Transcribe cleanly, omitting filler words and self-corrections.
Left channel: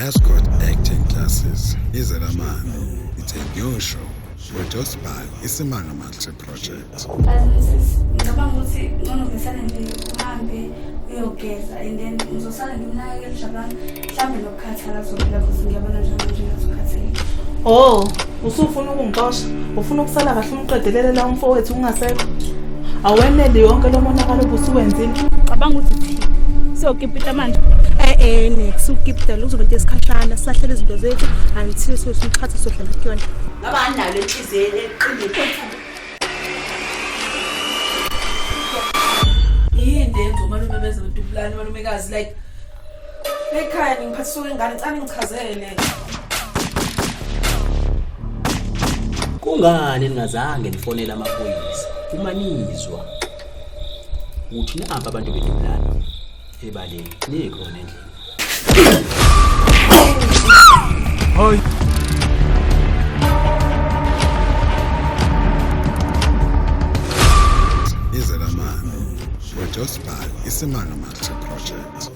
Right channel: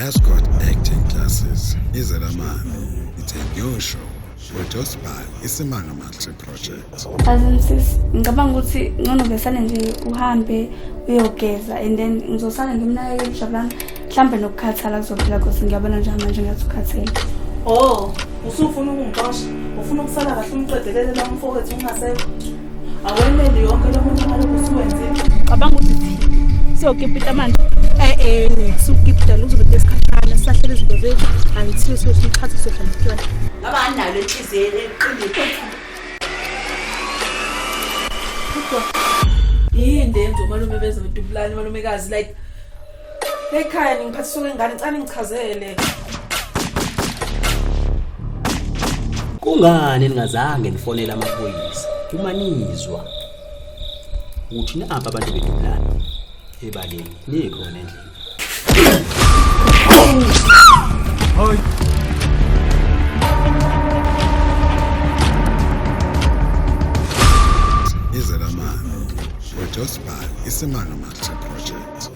Ascot Acting Classes. Izelamani. It's a new show. Produced by Isimanga Multi Project. Ngicabanga ukuthi ngcono besane nje uhambe uyogeza and then ngizosala ngimnakekele Jabulani mhlambe nokukhathala kuzophela because ngiyabona njalo ngathi ukhathele. Oh, usufuna ukungixosha? Ufuna ukusala kahle umqedelele la umfowethu ungasekho? Awenele yonke lo monakalo kusuwenzile. Ngicabanga ukuthi siyokipita manje. Sukipita luzobe lesikhashana sisahlele izinto zethu until sosikhatha sohlala kuyona. Ngaba analo enhliziyo eqinile. Yini ndenzo malume beze betubulani malumekazi like ekhaya ngiphathiswa ngengane ngicane ngichazele. Kungani ningazange nifonele amaphoyisa uma nizwa uthi napa abantu betubulani ebaleni nikhona endlini? Hi. Izelamani. Produced by Isimanga Multi Project.